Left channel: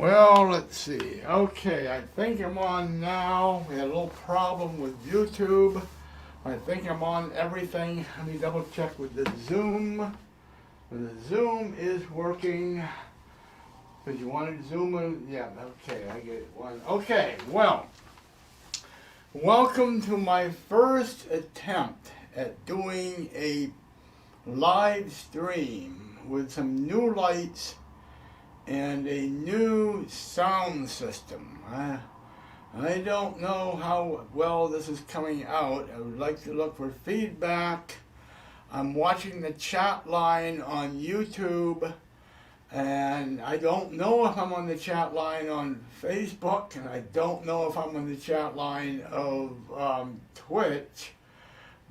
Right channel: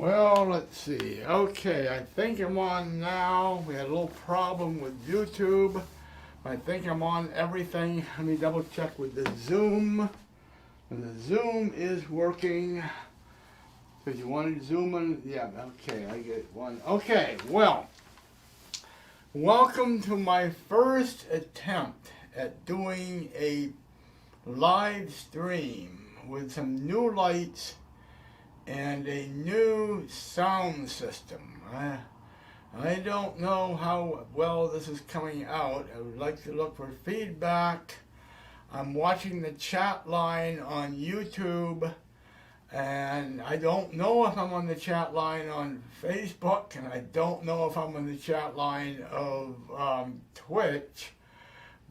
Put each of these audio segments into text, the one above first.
Well, let's see. Okay, I think I'm on now. We had a little problem with YouTube. I think I'm on everything. Let me double check with the Zoom. The Zoom is working. Because you wanted to zoom in? Yeah, okay, I get one. Okay, well, welcome to my first attempt at doing a live stream with some new lights and a new sound system. I don't know how well this is coming out. I would like to look for feedback. I'm watching the chat line on YouTube, and I don't know if I'm on the chat line on Facebook, and I don't know if I'm on the chat line of Twitch,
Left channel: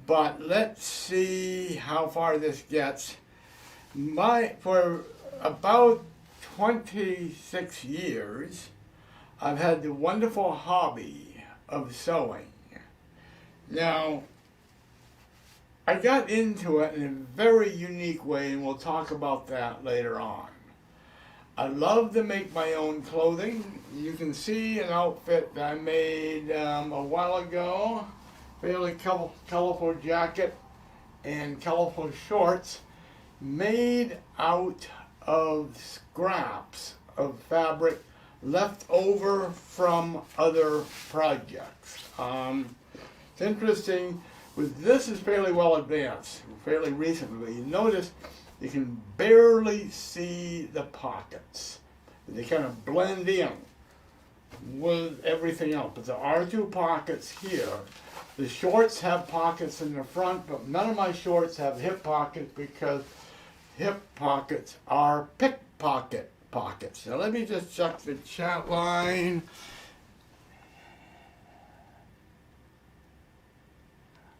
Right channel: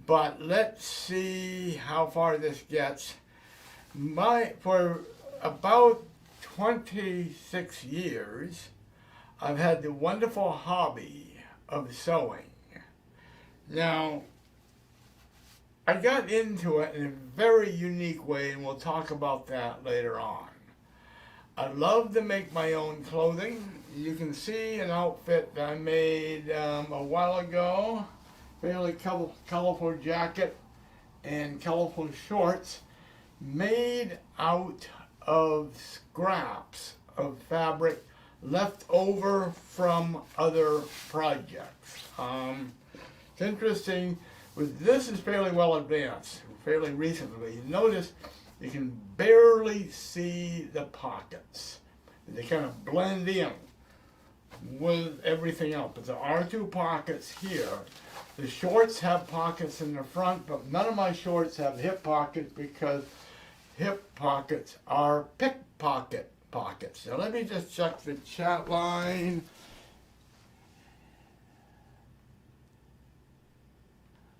but let's see how far this gets. For about 26 years, I've had the wonderful hobby of sewing. Now, I got into it in a very unique way, and we'll talk about that later on. I love to make my own clothing. You can see an outfit that I made a while ago, fairly colorful jacket and colorful shorts, made out of scraps of fabric left over from other projects. It's interesting, with this is fairly well advanced, fairly recently. You notice you can barely see the pockets. They kind of blend in with everything else. But there are two pockets here. The shorts have pockets in the front, but none of my shorts have hip pockets because hip pockets are pickpocket pockets. Now let me just check the chat line.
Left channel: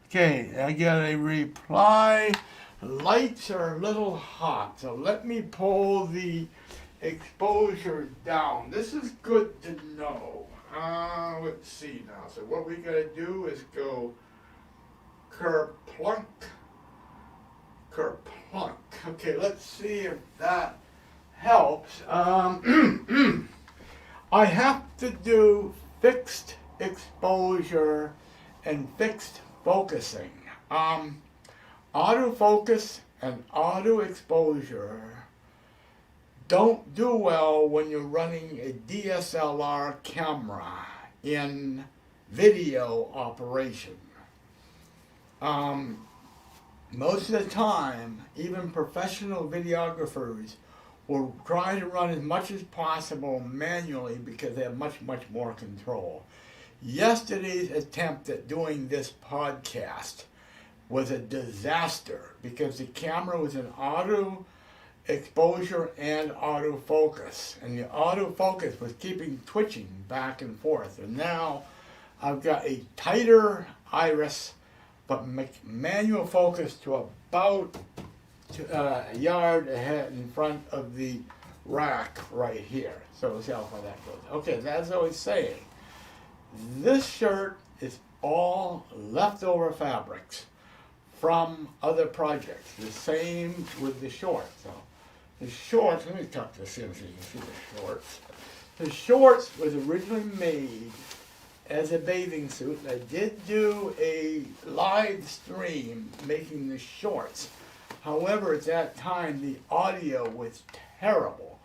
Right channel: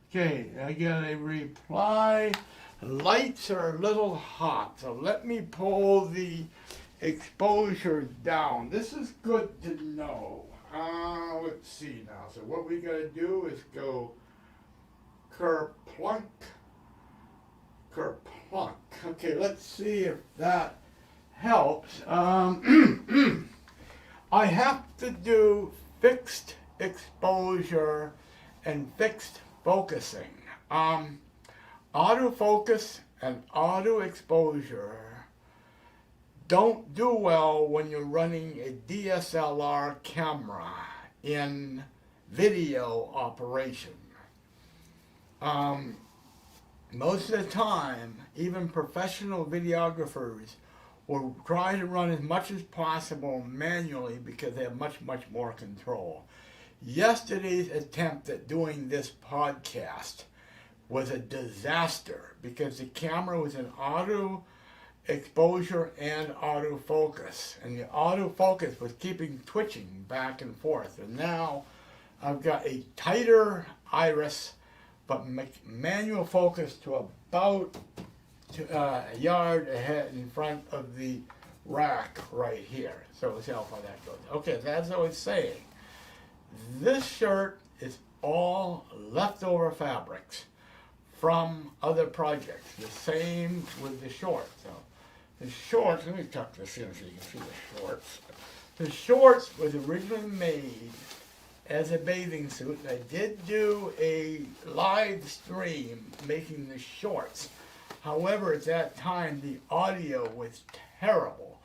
Okay, I got a reply. Lights are a little hot, so let me pull the exposure down. This is good to know. Let's see now. So what we gotta do is go kerplunk, kerplunk. Okay, let's see if that helps. I have to do fixed exposure and fixed focusing. Autofocus and auto exposure don't do well when you're running a DSLR camera in video operation. Most of the time, even professional videographers will try to run as much as possible manually because they have much more control. Yesterday's attempt at doing this podcast was a disaster because the camera was in auto exposure and autofocus, and the autofocus was keeping twitching back and forth. And now I've got a tighter iris, but manual focus to about a yard ahead in front of the rack right here. So we'll see how far that goes. Okay, as I was saying, this shirt is all leftover fabrics from other projects. The same with the shorts. So the shorts, let me tuck this in so you can see the shorts. The shorts was originally made as a bathing suit. I did do a live stream making the shorts. However, at that time, the audio was terrible.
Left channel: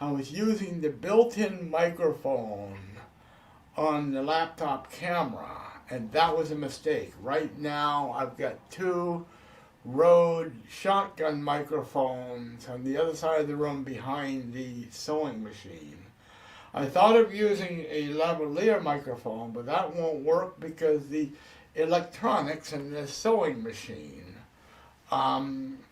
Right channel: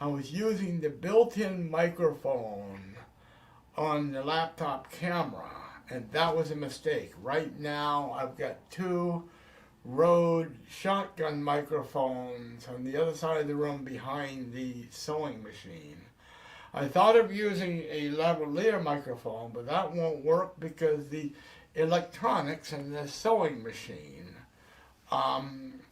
I was using the built-in microphone on the laptop camera, and that was a mistake. Right now, I've got two Rode shotgun microphones on the other side of the room behind the sewing machine. I thought of using a lavalier microphone, but that won't work because the electronics in the sewing machine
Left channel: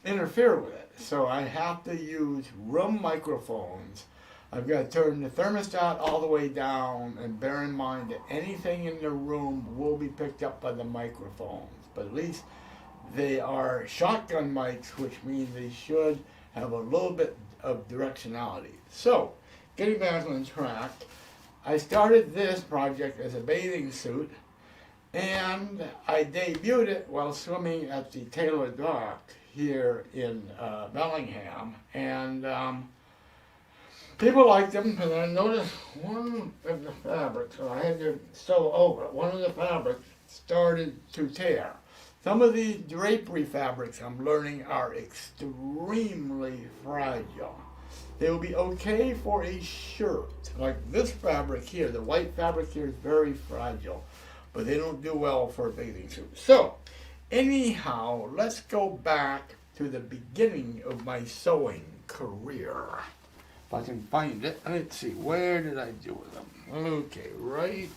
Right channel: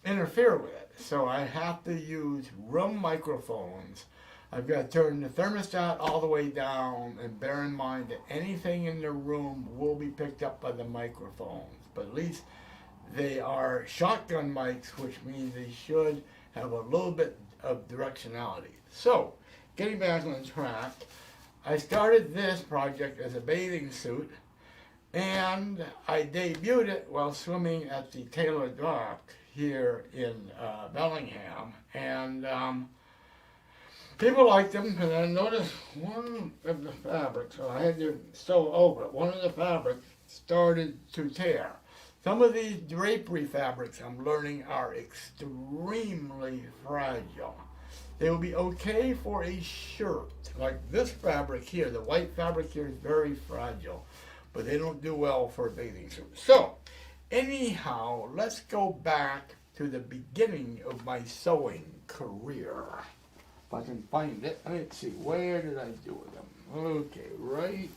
interfere with it. So I have to use room microphones. I've got to turn the thermostat all the way down, and bear in mind that anything in the room will be picked up by the microphones. But at least they are shotgun mics, which means they should have a little bit of directionality. So, getting back on track, I started this project as a bathing suit, and I debuted it while swimming at the Taylor Dock here in Bellingham. And People like them, and I noticed one of the fabrics, so I had to sew over it, one of the fabrics started to tear. Some of these drapery fabrics I'm learning are extremely fragile. They will be okay for a shirt, like this fabric here. The white fabric here is very fragile, but they don't do well for a bathing suit. So, anyhow, let's go back to the beginning of my sewing career. If I can find it, let's see, where did I do them? Okay, right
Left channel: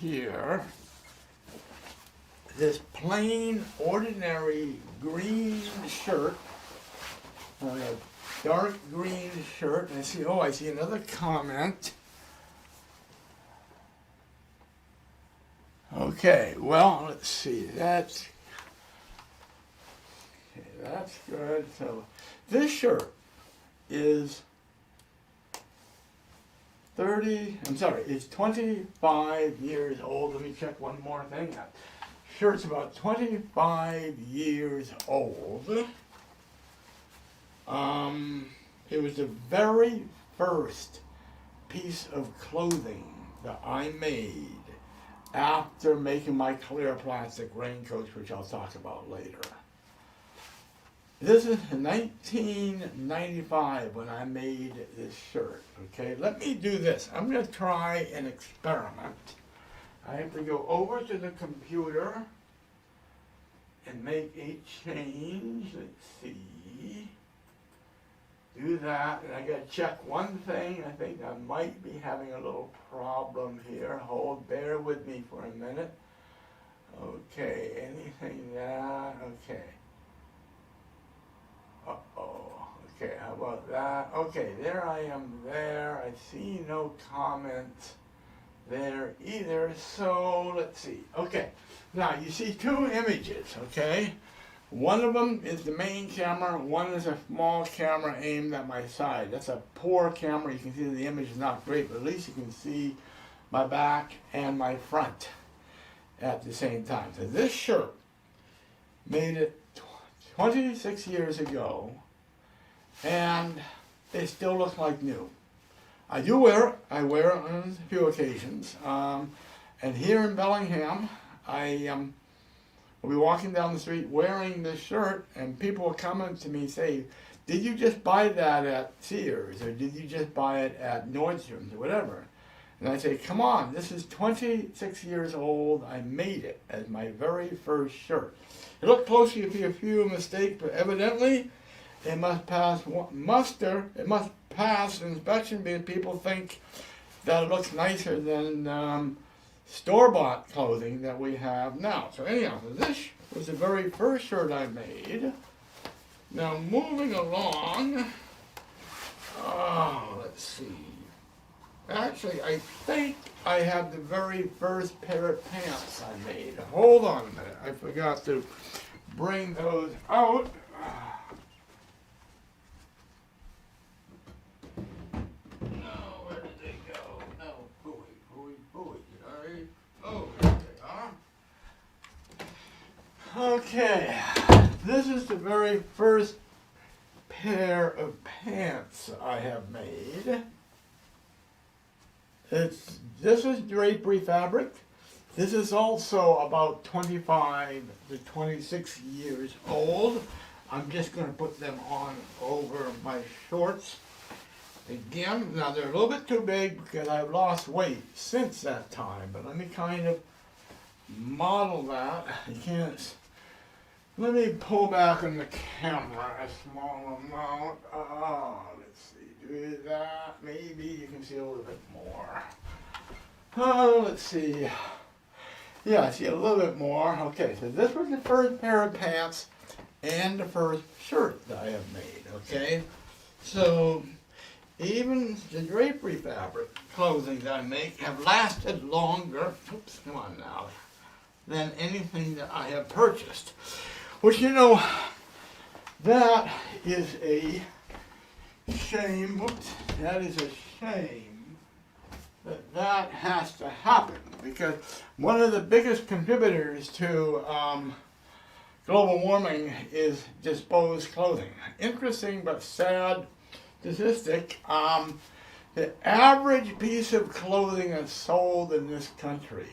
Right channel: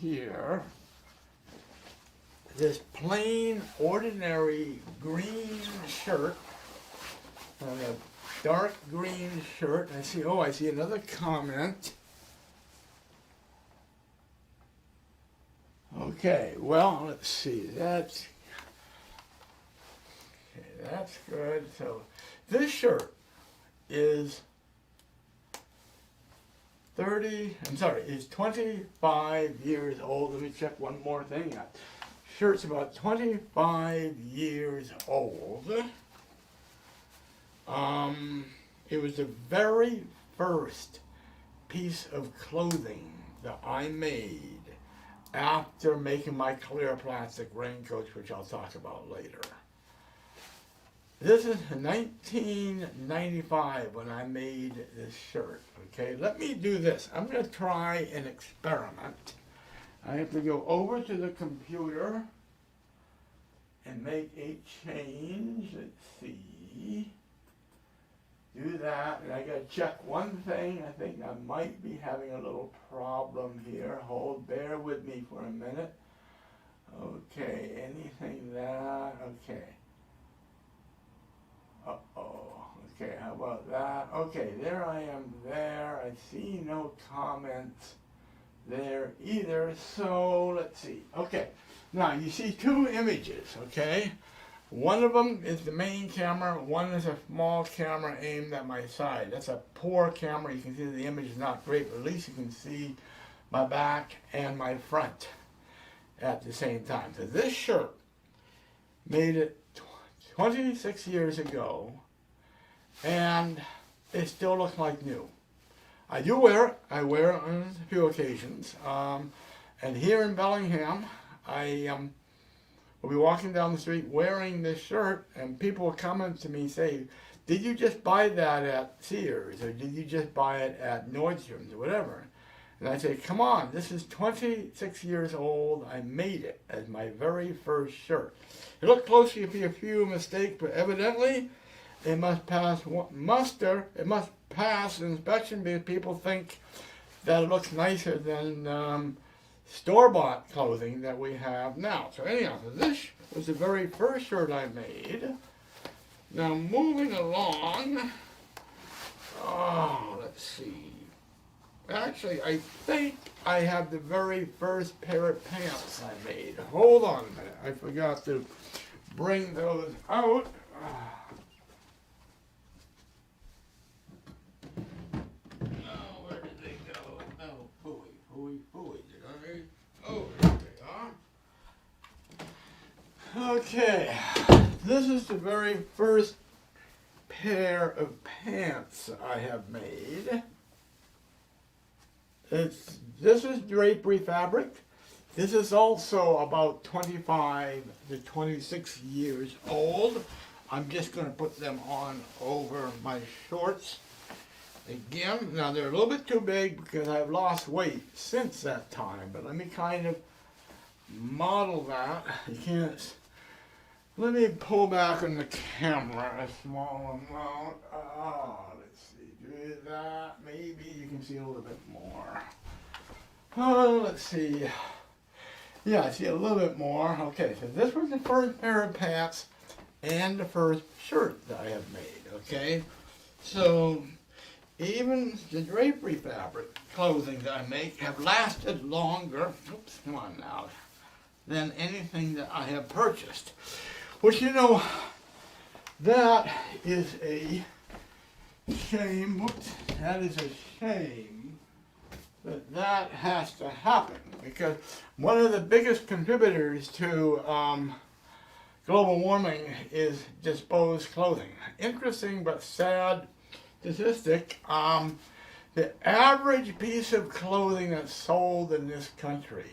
here. This plain, ordinary green shirt, a dark green shirt. I see another comment. Okay, well, let's see, that's good. So, this shirt is is 25 years old. Let me check one more thing. Shirt's about 25 years old. It was the very first piece of clothing that I made after making my clear plastic raincoats, which I'll talk about later. This is 1995 when I made this shirt, okay? Let me do this. I'm going to try an experiment. I have to go over to the computer and make a change. Let's see. Do that, and I got to check one thing. I think I might be having a little problem here. Bear with me for a minute. Okay, anything that, okay. Okay, how about that? Okay, there I am there. I see no comments there either, so let's see. Okay, now you see two images, okay? One of them is the main camera, one is a small camera aimed at my side. That's a poor camera. You can see the image is not great, but at least you can see my back and my front at the same time. So this shirt made it 26 years ago, and it still looks like new. I do wear it. I wear it on a few occasions. And here in Bellingham, I will be walking down the street wearing this shirt, and people will come up to me and say, did you just buy that at Sears, or did you just buy it at Nordstrom's, or whatever? And I say, come on, this is 26 years old. I made it as my very first shirt. It looked close to be a few mistakes, but evidently it must pass muster. It must pass inspection because people think that it looks nicer than store-bought clothing that we have now. So anyhow, this was the very first shirt I made. Now moving along, let's see. Actually, I think I have the very first pair of pants I made. Hold on a minute. I forgot to bring those out. Oh, where did they go? Oh, pooey. Oh, there they are. Okay. This is the very first pair of pants I have made. This is drapery fabric. This is also about 25 to 26 years old. I'm just going to put them on over my shorts. Again, now they're a little bit too big because I've lost weight since that time, but let me kind of model that. I can't. Let me pull back on the camera a small amount. Let's see, do that. Maybe you can see a little bit more. Let's see. Yeah, I see a little bit more. Okay, so this was the first pair of pants and the first shirt that I have made, okay? So, even the drapery fabric clothing that I make have lasted longer, oops, come on now, than anything that I have purchased. Which, you know, that is a shame. Whoops, that is a shame that has to happen, because one of the biggest contributors to global warming is disposed clothing. Interesting but sad statistic. The average piece of clothing that's sold in this country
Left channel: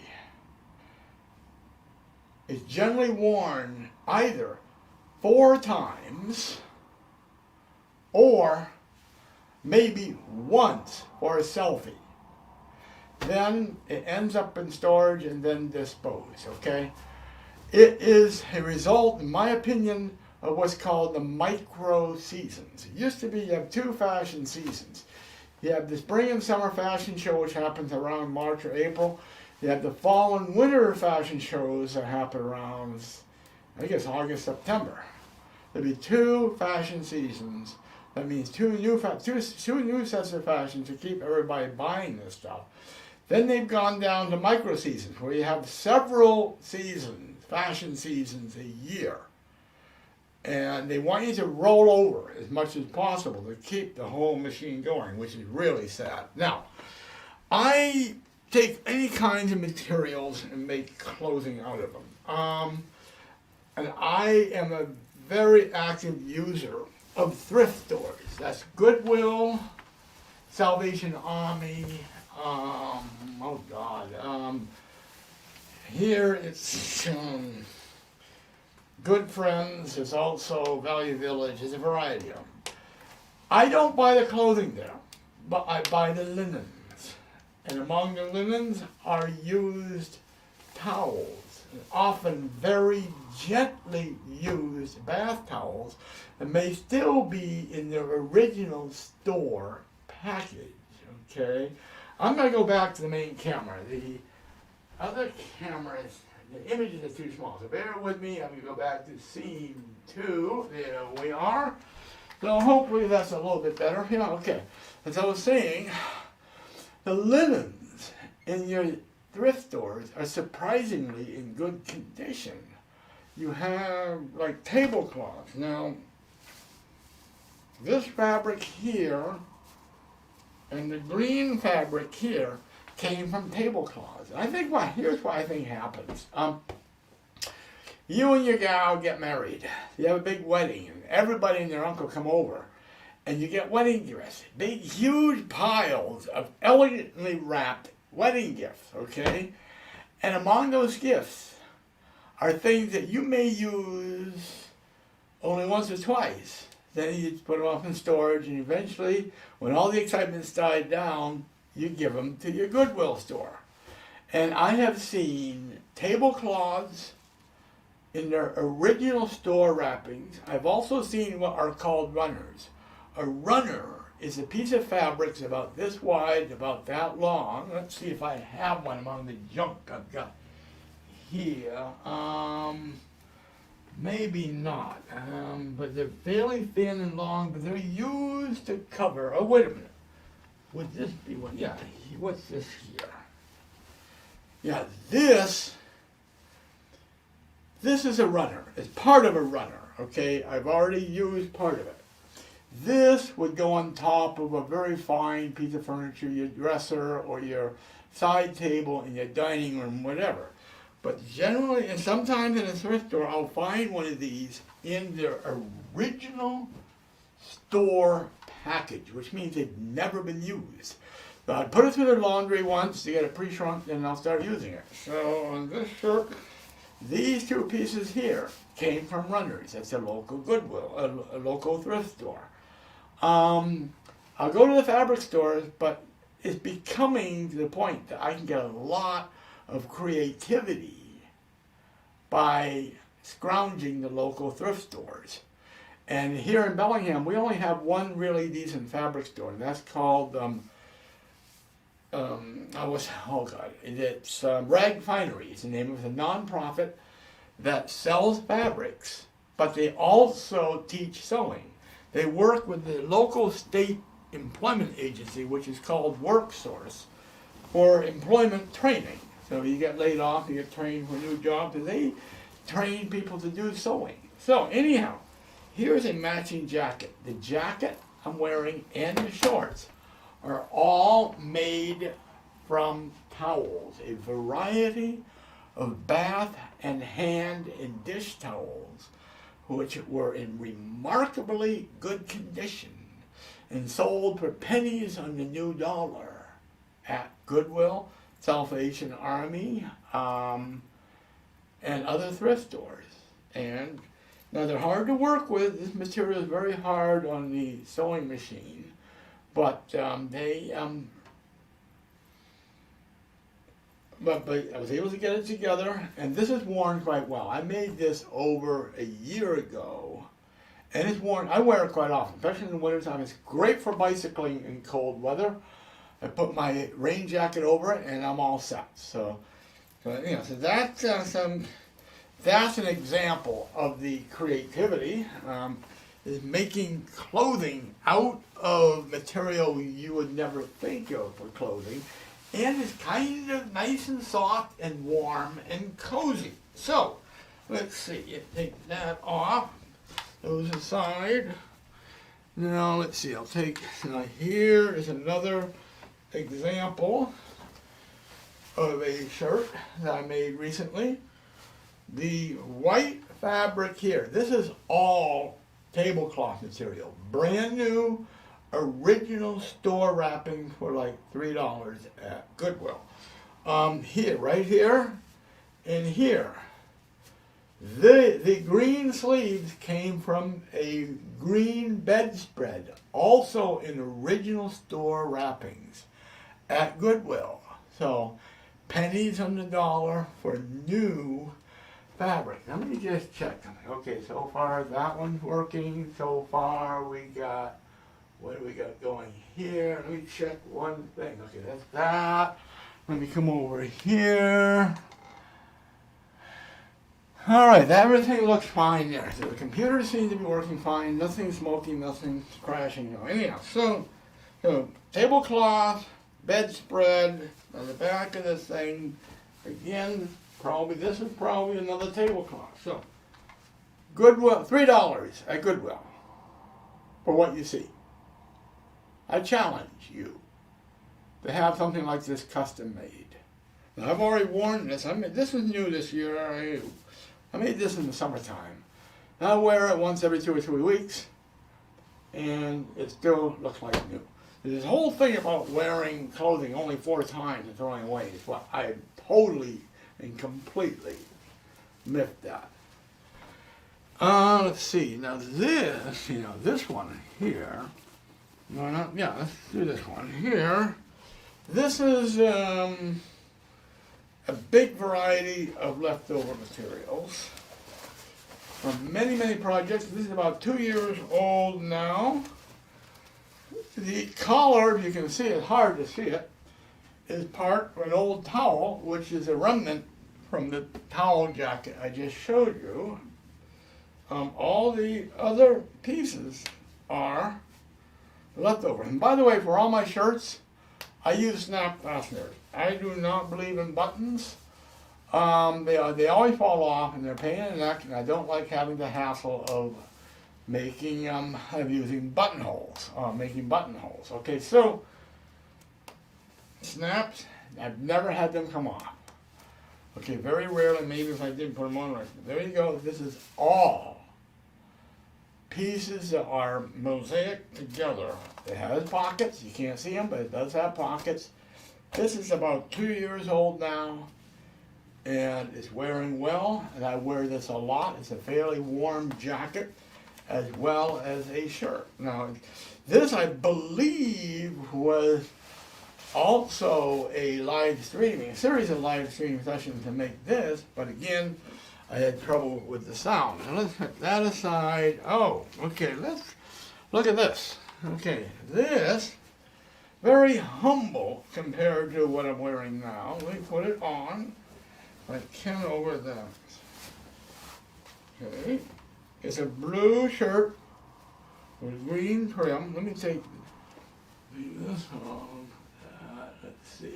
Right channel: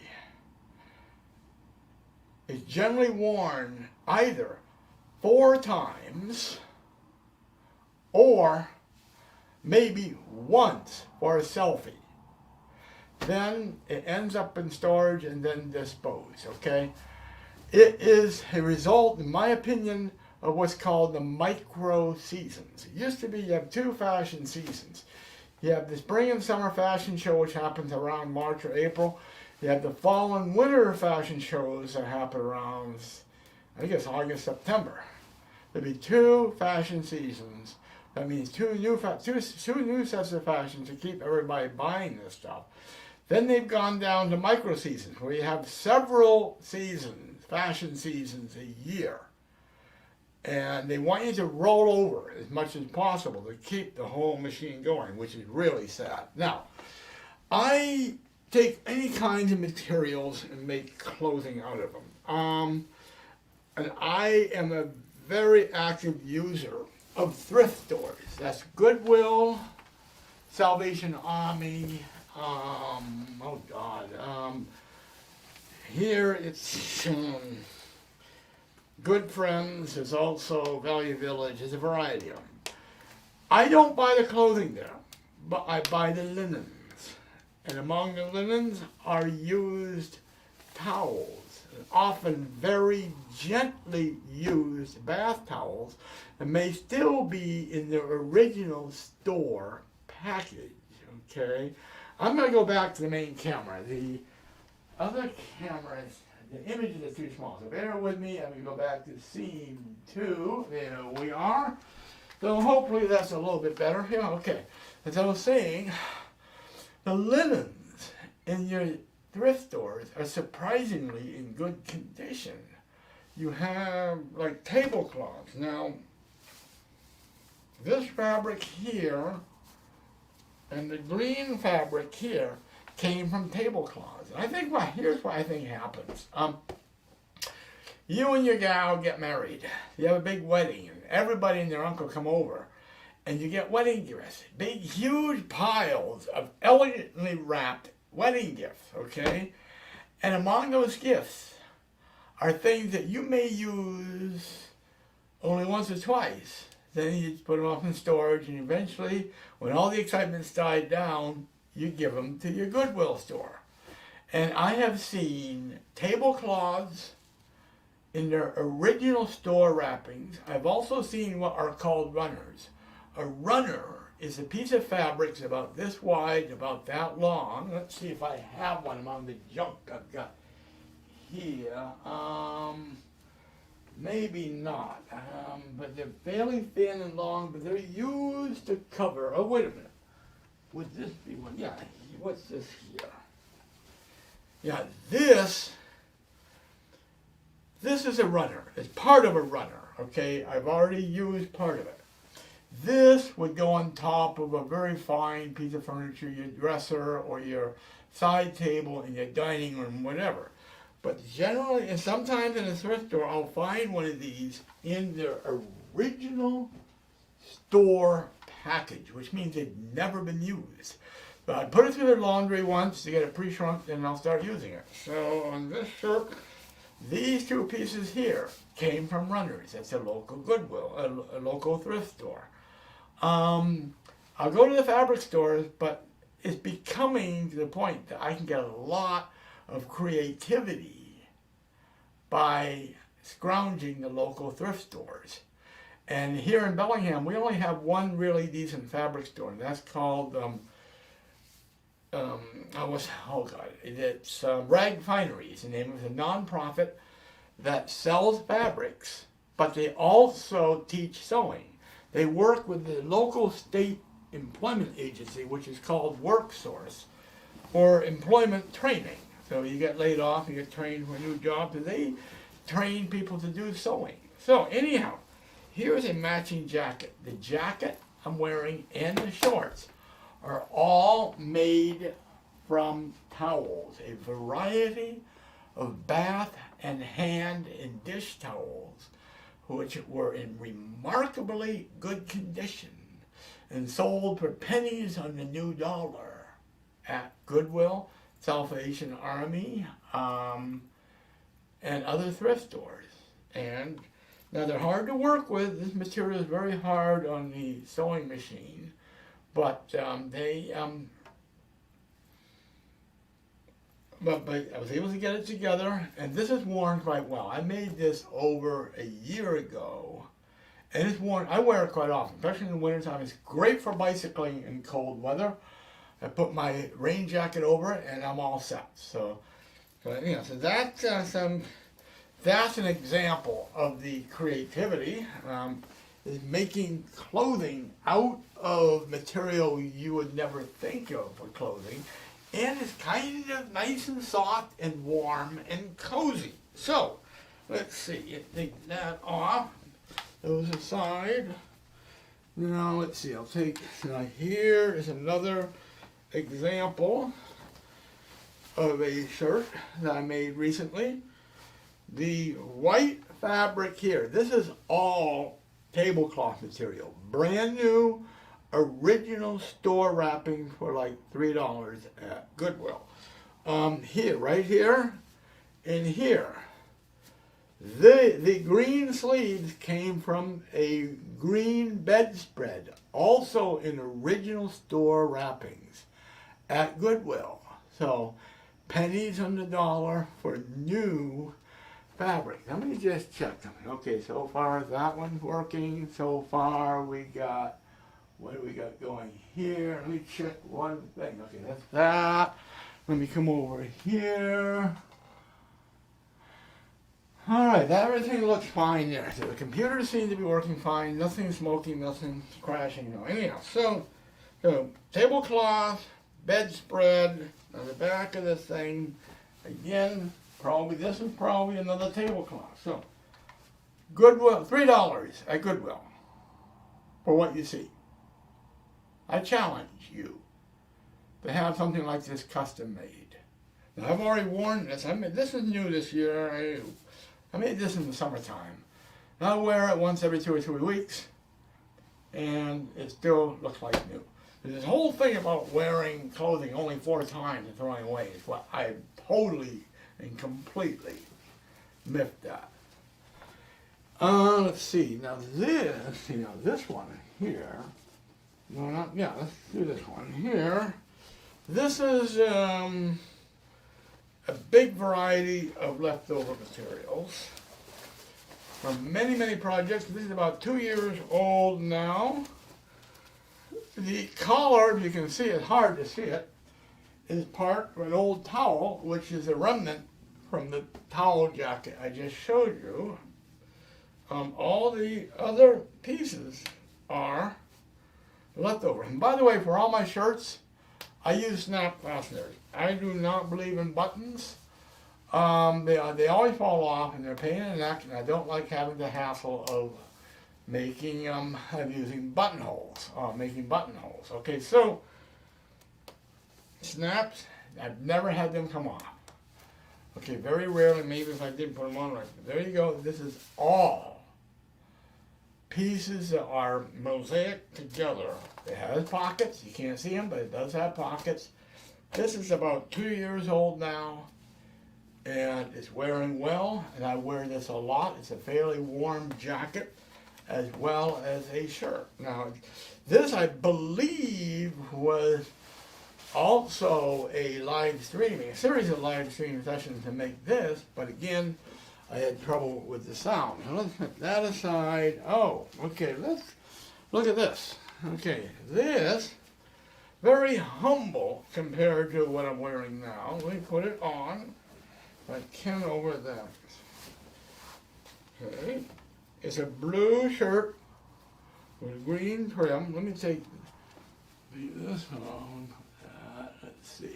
is generally worn either 4 times or maybe once for a selfie. Then it ends up in storage and then disposed, okay? It is a result, in my opinion, of what's called the micro seasons. It used to be you have 2 fashion seasons. You have the spring and summer fashion show, which happens around March or April. You have the fall and winter fashion shows that happen around, I guess, August, September. There'll be 2 fashion seasons. That means two new sets of fashion to keep everybody buying this stuff. Then they've gone down to micro seasons, where you have several seasons, fashion seasons a year. And they want you to roll over as much as possible to keep the whole machine going, which is really sad. Now, I take any kinds of materials and make clothing out of them. And I am a very active user of thrift stores. That's Goodwill, Salvation Army, here it's Good Friends, there's also Value Village, there's a variety of them. I don't buy the clothing there, but I buy the linens. And among the linens are used towels, often very gently used bath towels that may still be in their original store package, okay? I'm going to go back to the main camera. The other cameras, the images are too small, so bear with me. I'm going to go back to scene 2. There we are. So hopefully that's a little bit better. Yeah, okay. As I was saying, the linens in your thrift stores are surprisingly in good condition. You have like tablecloths. Now, this fabric here and the green fabric here came from tablecloths. And I think here's what I think happens. You and your gal get married. You have a big wedding, and everybody and their uncle come over, and you get wedding gifts. Big, huge piles of elegantly wrapped wedding gifts, okay? And among those gifts are things that you may use only once or twice. Then you put them off in storage, and eventually, when all the excitement's died down, you give them to your Goodwill store. And I have seen tablecloths in their original store wrappings. I've also seen what are called runners. A runner is a piece of fabric that's about this wide, about that long. Let's see if I have one among the junk I've got here. Maybe not, but they're fairly thin and long, but they're used to cover. Oh, wait a minute. Would this be one? Yeah, what's this here? Yeah, this is a runner. It's part of a runner, okay? I've already used part of it. This would go on top of a very fine piece of furniture, your dresser or your side table in your dining room, whatever. But generally, and sometimes in a thrift store, I'll find one of these in their original store package, which means they've never been used. So I'd put it through their laundry once to get it pre-shrunk, and I'll start using it. So on this shirt, these 2 pieces here came from Runners. It's a local Goodwill, a local thrift store. I'll go to the fabric stores, but it's becoming to the point that I can get a lot of creativity by scrounging the local thrift stores. And here in Bellingham, we only have one really decent fabric store, and that's called, it's Rag Finery. It's the name of a nonprofit that sells fabrics, but they also teach sewing. They work with the local state employment agency, which is called WorkSource, for employment training. So you get laid off, you get trained for a new job, and they train people to do sewing. So anyhow, here's a matching jacket. The jacket I'm wearing and the shorts are all made from towels, a variety of bath and hand and dish towels, which were in remarkably good condition. and sold for pennies on the new dollar at Goodwill, Salvation Army, and other thrift stores. And now they're hard to work with. This material is very hard on the sewing machine, but But I was able to get it together, and this is worn quite well. I made this over a year ago, and it's worn. I wear it quite often, especially in the wintertime. It's great for bicycling in cold weather. I put my rain jacket over it, and I'm all set. So that's an example of the creativity. Is making clothing out of material you would never think of for clothing. And it's kind of nice and soft and warm and cozy. So, let's see, you take that off, those aside. Now, let's see, now here is another example of a shirt that I made recently. The white fabric here, this is all tablecloth material, brand new, original store wrapping for like $3 at Goodwill. Here, right here, and here. The green sleeves came from a green bedspread, also in original store wrappings at Goodwill. So, pennies on the dollar for new fabric. Let me just check something. Okay, so far that one's working. So far we got, what do we got going here? Let me check one thing. Okay, that's that. Let me come over here. All right, everything looks fine there. So the computer seems to be working fine. Nothing smoking, nothing crashing. No. Anyhow, so tablecloth, bedspread on the back of this thing. Again, this is probably another tablecloth. So Goodwill, $3 at Goodwill for what you see. I challenge you to have something like this custom made. Now, I've already worn this. This is new this year. I made this in the summertime. And I wear it once every 2 or 3 weeks, and it still looks like new. This whole thing about wearing clothing only 4 times and throwing away is what I totally and completely miffed that. Let's see. Now this one here. Let's do this one here. This is a big variety of leftover materials from many, many projects. This is about 2 years old now. The collar, you can see it, hard to see it, is part of an old towel, which is a remnant from the towel jacket I just showed you. All the other pieces are leftover. And by the way, for all my shirts, I use snap fasteners. I do not believe in buttons. They always fall off and they're a pain in the neck, and I don't like having the hassle of using buttonholes, making buttonholes. Okay, so snaps, I've never had them come off. Okay, very rarely, maybe if I did put them on right. There you go. This is all pieces that are mosaic together. It has pockets. You can't see them, but it does have pockets. This is about 2 years old now, and it's wearing well, and I wear this a lot. It's a fairly warm jacket as well as a shirt. Now, this, I believe, was also a series of live streaming sessions to make this, but again, I had trouble with the sound. Now let's put that aside. Oh, okay, let's look at this. Okay, this, very humble compared to what I'm wearing now. Let me put it on. I can over that. Okay, it's a blue shirt with green trim. Let me leave this on. Let's see.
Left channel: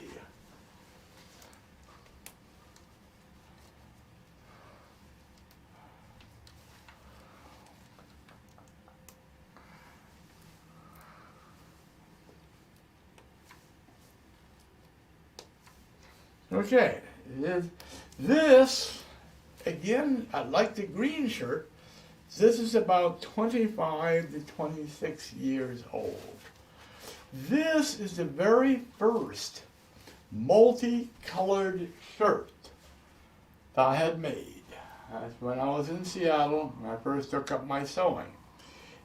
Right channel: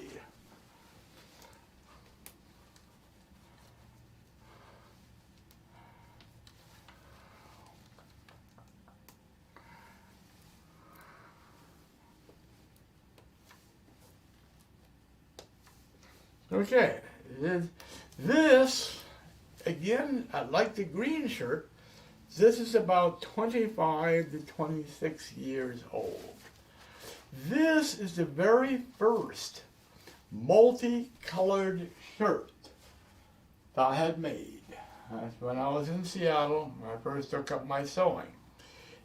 Okay, this, again, I like the green shirt. This is about 25 to 26 years old. This is the very first multicolored shirt that I had made. That's when I was in Seattle when I first took up my sewing.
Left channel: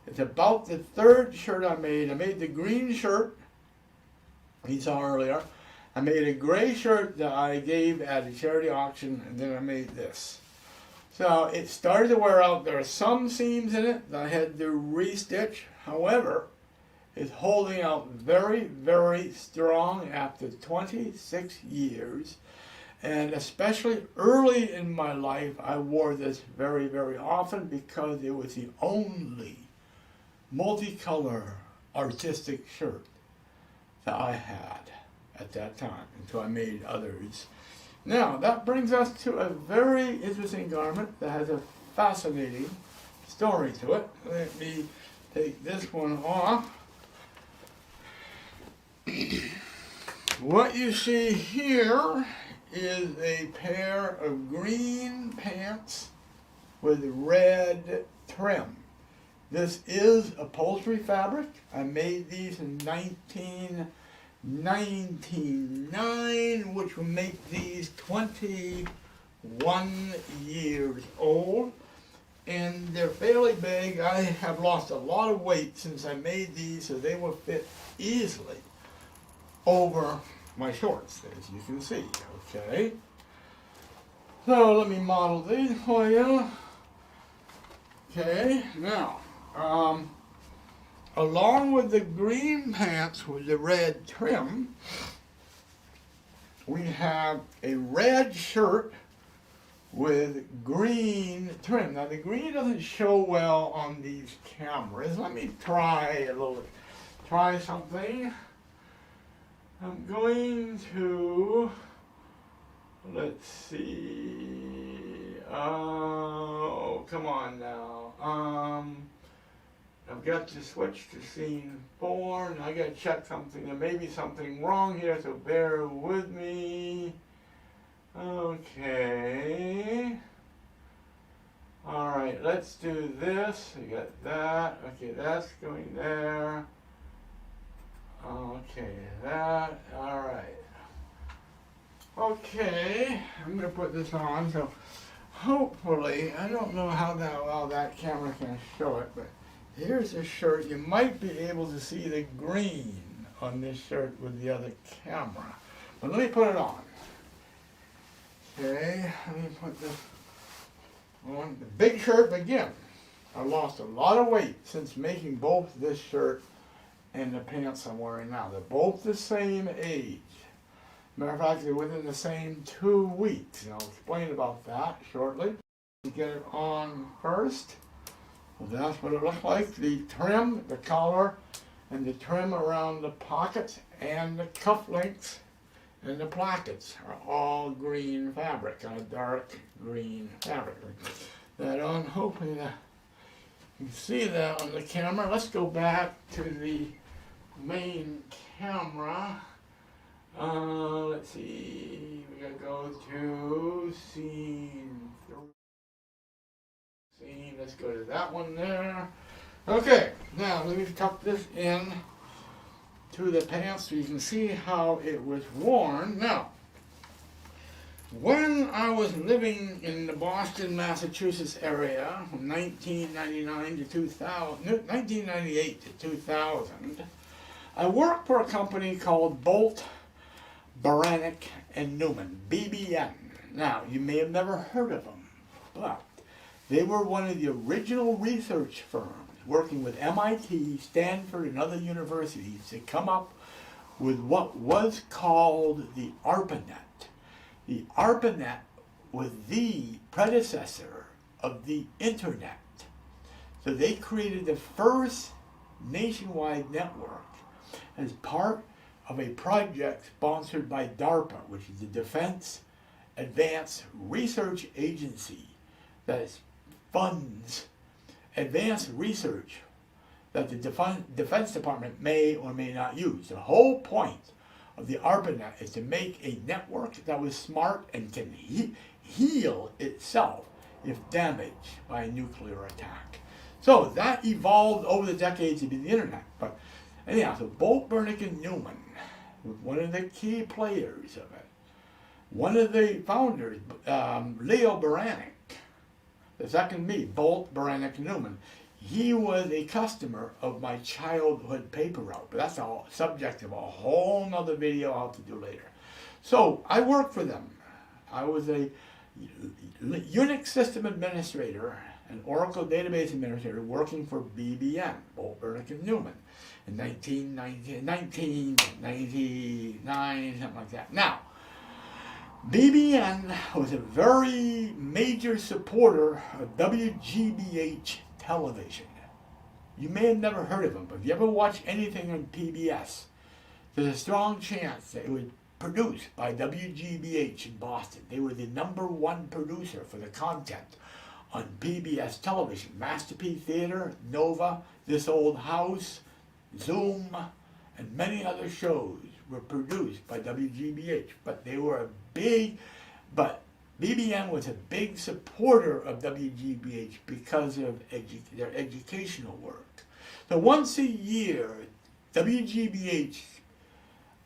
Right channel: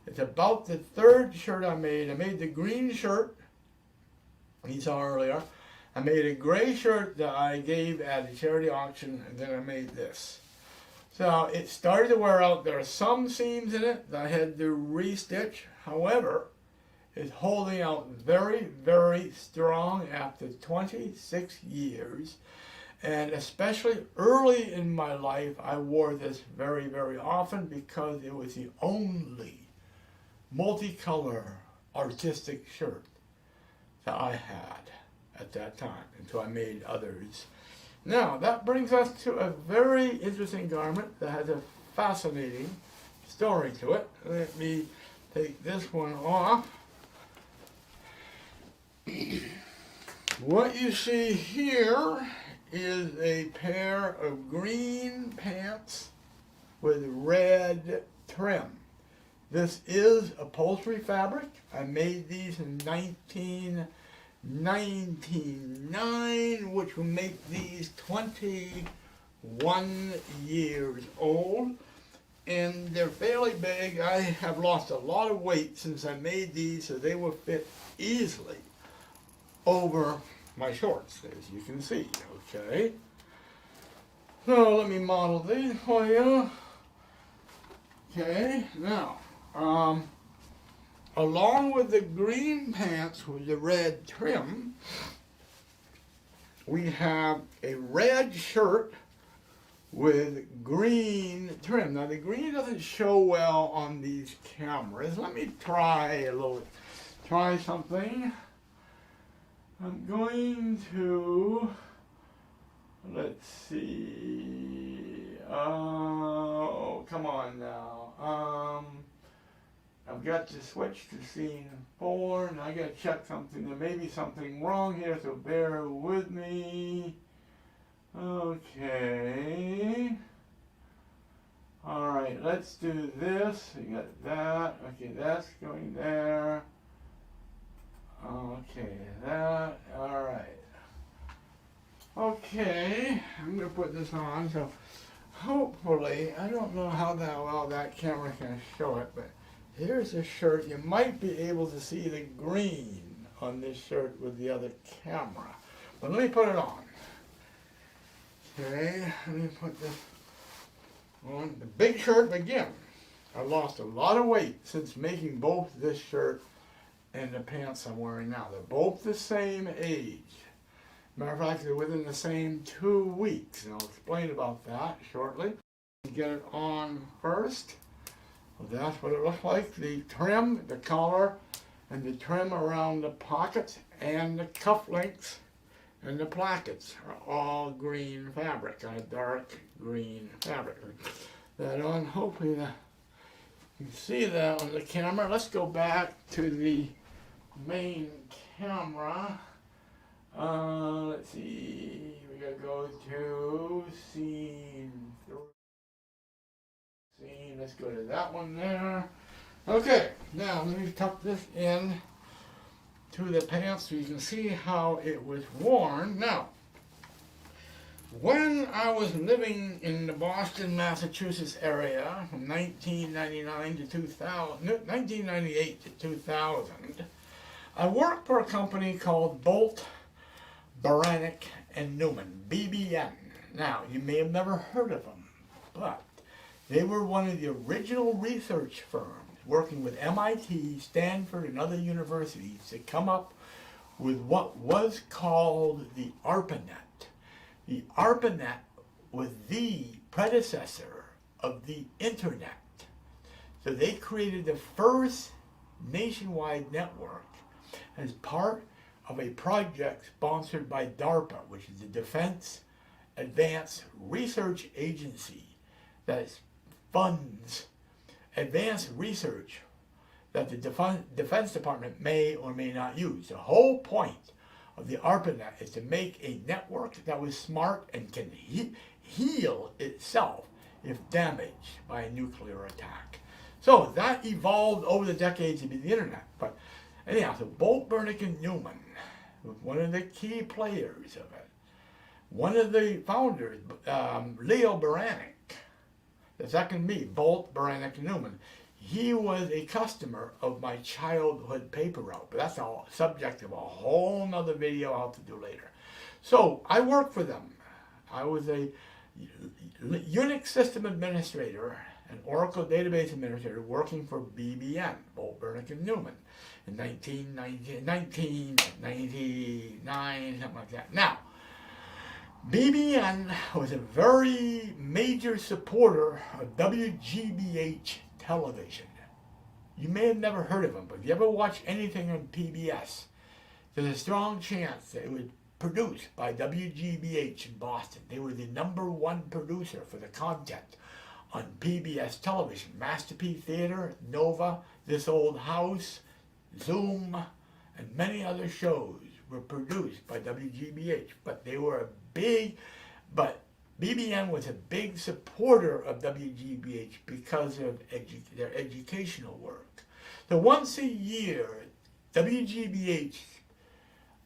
It's about the third shirt I made. I made the green shirt you saw earlier. I made a gray shirt that I gave at a charity auction, and then I made this. So it started to wear out. There are some seams in it that I had to restitch. However, it's holding out very, very strong after 26 years. And especially early in my life, I wore this very, very often because it was the only multicolor artistic shirt that I had at that time until I made others. Now, that brings us to a very interesting garment that has a fascinating story to it. Let me take this one off. What you see here is a pair of green pants with red trim. This is upholstery fabric. I made these in 1999, which will make these 21 years old. And they're fairly big. I have lost a lot of weight since I made these, so they will fit easily over my shorts, as you can see. Okay. So let me model these for you. Okay, now, along with the green pants with the red trim, we have a red shirt with green trim. Now the green doesn't show well on these cameras. Let me try something. I'm going to, let's see, oh, come on now. I've got to switch to scene 4, and I got to check something. There may be something wrong here, so bear with me. Okay. All right, let's do this. You got that. Okay, that's going there. Okay, that. All right. Okay, I'm going to put this on. So hopefully, I don't know how well that camera can show it, but here's a shirt. You might be able to see the green on this shirt with the other camera. But let me put it on. Okay, let me put this on. The big shirt, again, I lost a lot of weight since making both this shirt and the pants I'm wearing now. They're both the same age. Matter of fact, they're within the same 2 weeks, and I'll explain about that shortly. Get it on first. Well, that's what it looks like. The trim, the collar, and the trim around the pockets and the cufflinks and the plackets are all green fabric, a dark green fabric. That on, hopefully you can see that on the camera. Let's go back to the main camera. Let's see, we gotta go to scene 3. Let's go to that one there. Okay, now let me tuck this in to the pants so you can see how it was worn. Now, when I was living in the Boston, Massachusetts area from 1998 to 2000, I worked for a company called Bolt, Beranek, and Newman, BBN. Now, you may have never heard of them, but they were one of the original research firms working with MIT, Stanford, and other universities to come up with what was called the ARPANET. The ARPANET was the predecessor of the Internet. So they created the first nationwide network as part of a project sponsored by DARPA, which is the Defense Advanced Research Agency that funds advanced research that the Defense Department may or may not use. The whole point of the ARPANET is to make a network that was smart and can heal itself if damaged by a nuclear attack. So that evolved over the decades to be the Internet. But Anyhow, so Bolt, Bernick, and Newman was one of the key players of it. One of the founders, Leo Baranek, the second me, Bolt, Baranek, Newman, he was a customer of my childhood paper route. But that's a subject of a whole nother video I'll have to do later. So I worked for them. I was a Unix system administrator, an Oracle database administrator working for BBN, Bolt, Bernick, and Newman, in 1999, something like that. Now, BBN was a very major supporter of WGBH television. You may have never heard of them, but if you ever watch anything on PBS, there's a strong chance that it was produced by WGBH in Boston. They were the #1 producer for the content on PBS television. Masterpiece Theater, Nova, This Old House, Zoom, and many other shows were produced by WGBH. But BBN was a big supporter of WGBH because of their educational work. So once a year, WGBH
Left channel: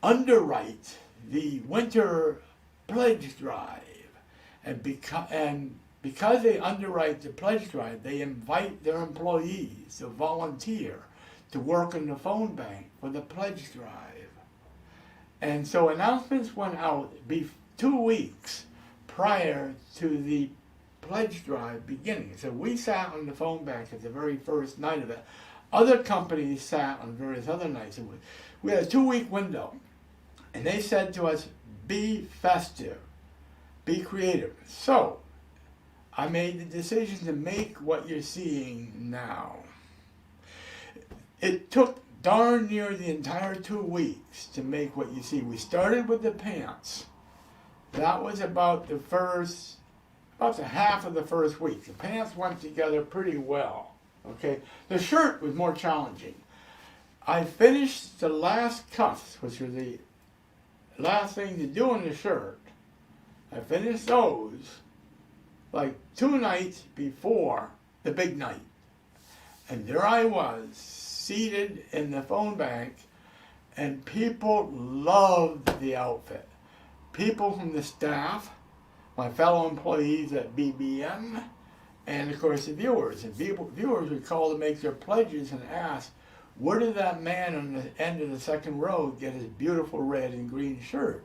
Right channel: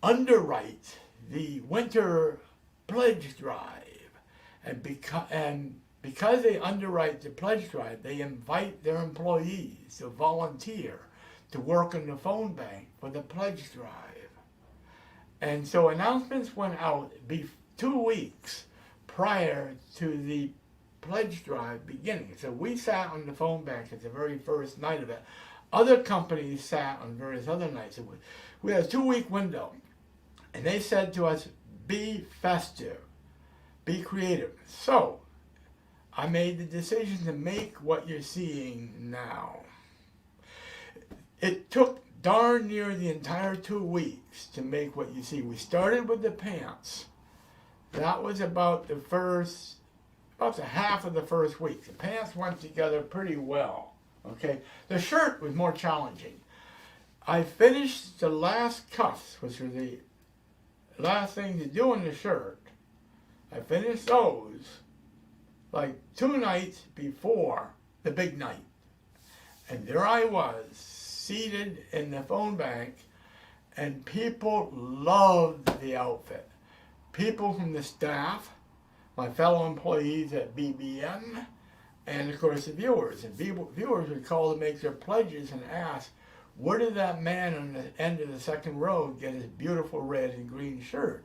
underwrites the winter pledge drive, and because they underwrite the pledge drive, they invite their employees to volunteer to work in the phone bank for the pledge drive. And so announcements went out 2 weeks prior to the pledge drive beginning. So we sat on the phone bank at the very first night of it. Other companies sat on various other nights. We had a 2-week window. And they said to us, be festive, be creative. So I made the decision to make what you're seeing now. It took darn near the entire 2 weeks to make what you see. We started with the pants. That was about the half of the first week. The pants went together pretty well. Okay, the shirt was more challenging. I finished the last cuffs, which were the last thing to do in the shirt. I finished those like 2 nights before the big night. And there I was, seated in the phone bank, and people loved the outfit. People from the staff, my fellow employees at BBN, and of course the viewers. And viewers would call to make their pledges and ask, where did that man on the end of the second row get his beautiful red and green shirt?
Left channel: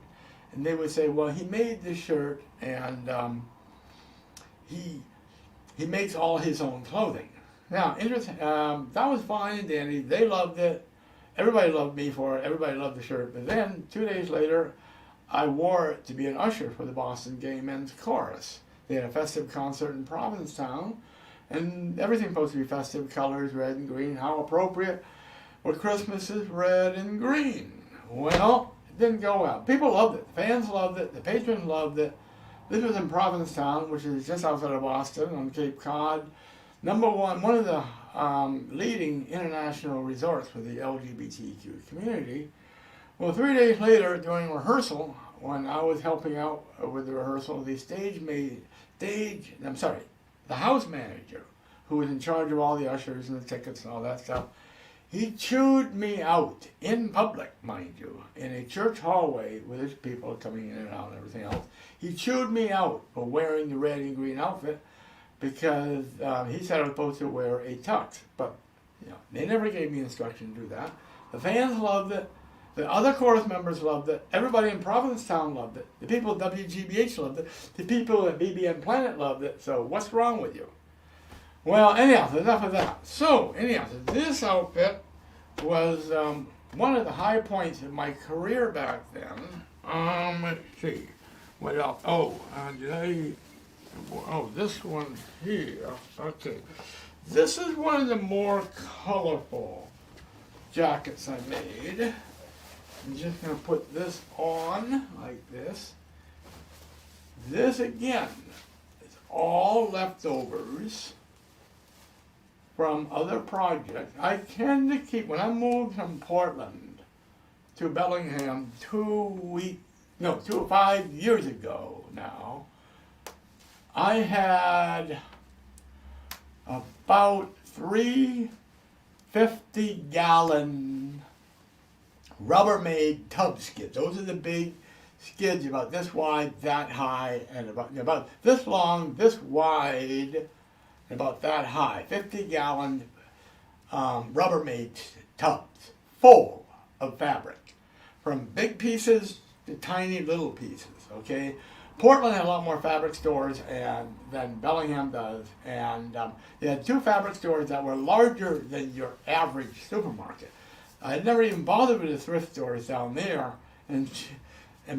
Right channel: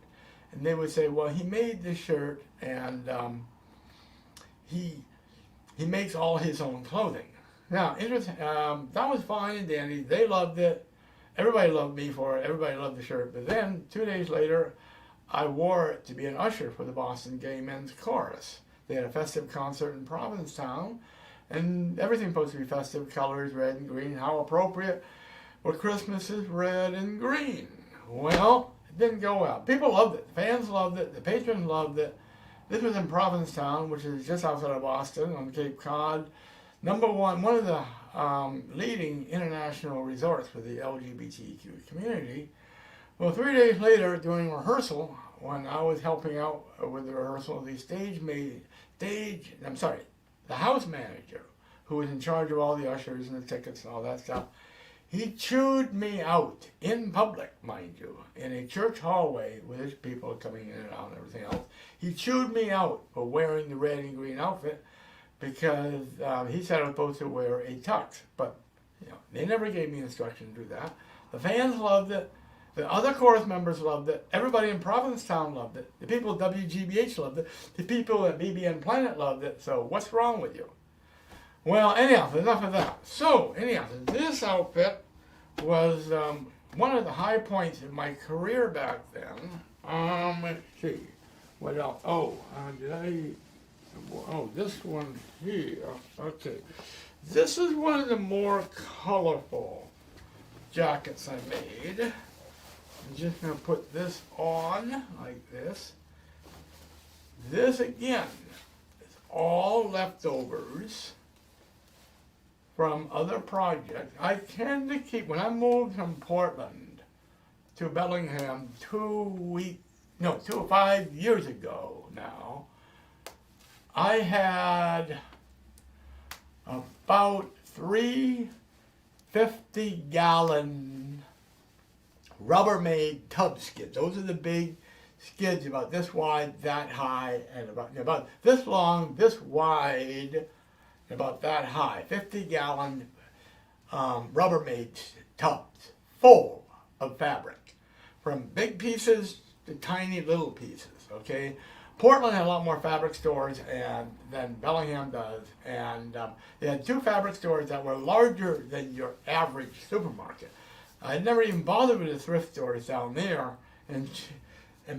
And they would say, well, he made this shirt, and he makes all his own clothing. Now, interesting. That was fine and dandy. They loved it. Everybody loved me for it. Everybody loved the shirt. But then 2 days later, I wore it to be an usher for the Boston Gay Men's Chorus. They had a festive concert in Provincetown, and everything supposed to be festive, colors, red and green. How appropriate. Well, Christmas is red and green. Well, it didn't go well. People loved it. The fans loved it. The patrons loved it. This was in Provincetown, which is just outside of Boston on Cape Cod. One of the leading international resorts for the LGBTQ community. Well, 3 days later, during rehearsal, when I was helping out with the rehearsal, the house manager, who was in charge of all the ushers and the tickets and all that stuff, he chewed me out in public, mind you, in a church hallway with his people coming in and out and everything else. He chewed me out for wearing the red and green outfit because he said I was supposed to wear a tux. But they never gave me instruction to do that. The fans loved it. The other chorus members loved it. Everybody in Provincetown loved it. The people at WGBH loved it. The people at BBN Planet loved it. So what's wrong with you? Well, anyhow, enough of that. So, this outfit was one of the high points of my career back then. Let's see. What else? This one here. Okay. This is one of the more colorful jackets I made. I'm just going to put this on like this. This, again, is all leftovers from other projects. I tend to keep, when I moved from Portland to Bellingham 5 years ago now, I had about 3 50-gallon Rubbermaid tub skids. Those are the big skids about this wide, that high, and about this long, this wide, and about that high. 50-gallon Rubbermaid tubs full of fabric, from big pieces to tiny little pieces. Okay, Portland had a lot more fabric stores than Bellingham does, and they had 2 fabric stores that were larger than your average supermarket. I had never even bothered with the thrift stores down there, and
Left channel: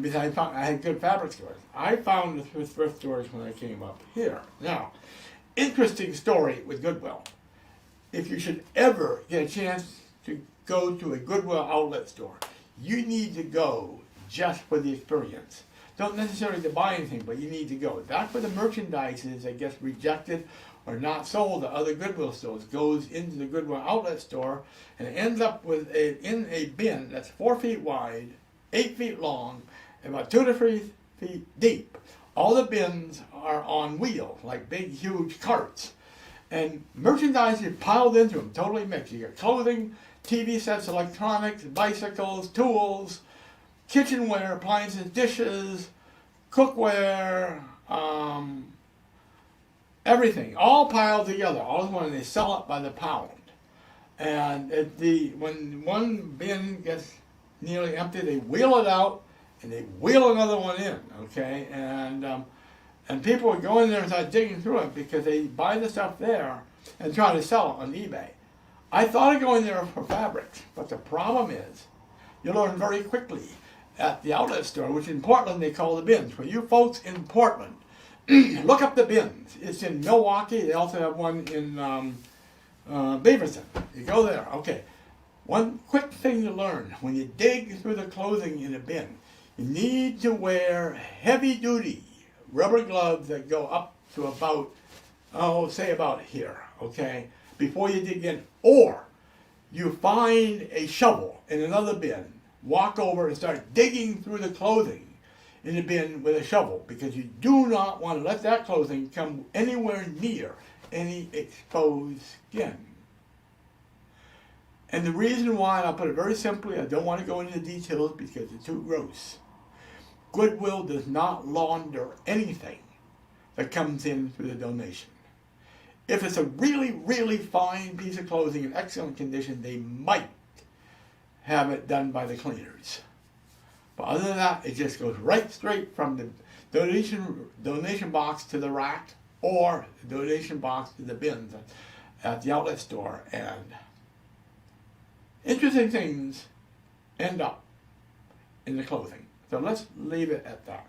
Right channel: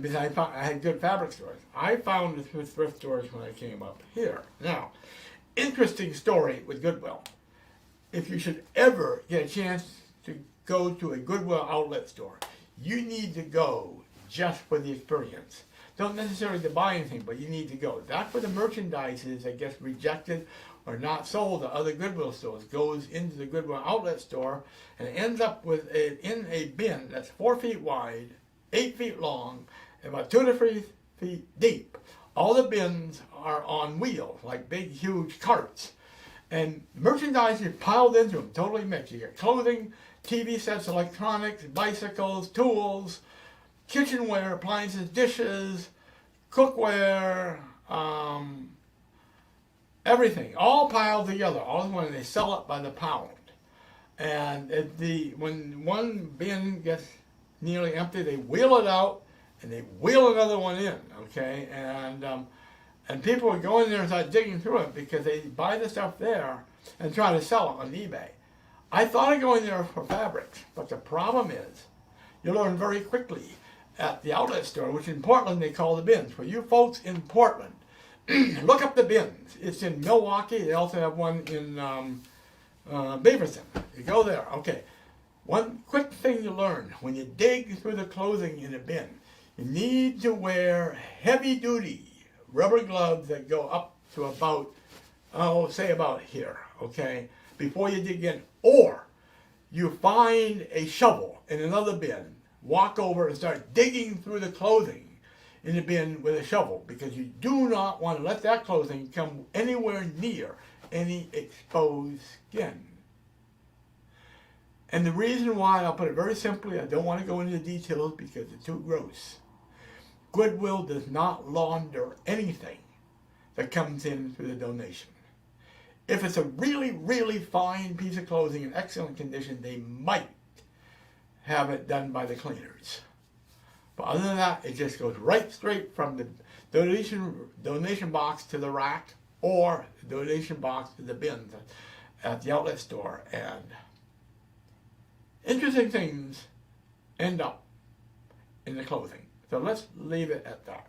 besides, I had good fabric stores. I found the thrift stores when I came up here. Now, interesting story with Goodwill. If you should ever get a chance to go to a Goodwill outlet store, you need to go just for the experience. Don't necessarily to buy anything, but you need to go. That's where the merchandise is that gets rejected or not sold at other Goodwill stores, goes into the Goodwill outlet store and ends up in a bin that's 4 feet wide, 8 feet long, and about 2 to 3 feet deep. All the bins are on wheels, like big, huge carts. And merchandise is piled into them, totally mixed. You got clothing, TV sets, electronics, bicycles, tools, kitchenware, appliances, dishes, cookware, everything, all piled together. All in one, they sell it by the pound. And when one bin gets nearly empty, they wheel it out and they wheel another one in. Okay, and people would go in there and start digging through it because they buy the stuff there and try to sell it on eBay. I thought of going there for fabrics, but the problem is, you learn very quickly at the outlet store, which in Portland they call the bins. For you folks in Portland, look up the bins. It's in Milwaukee. They also have one in Beaverton. You go there. Okay. One quick thing you learn when you dig through the clothing in a bin, you need to wear heavy-duty rubber gloves that go up to about, say about here, okay, before you dig in. Or you find a shovel in another bin, walk over and start digging through the clothing in the bin with a shovel, because you do not want to let that clothing come anywhere near any exposed skin. And the reason why, and I'll put it very simply, I don't want to go into the details because it's too gross. Goodwill does not launder anything that comes in through the donation. If it's a really, really fine piece of clothing in excellent condition, they might have it done by the cleaners. But other than that, it just goes right straight from the donation box to the rack, or the donation box to the bins at the outlet store. And interesting things end up in the clothing. So let's leave it at that.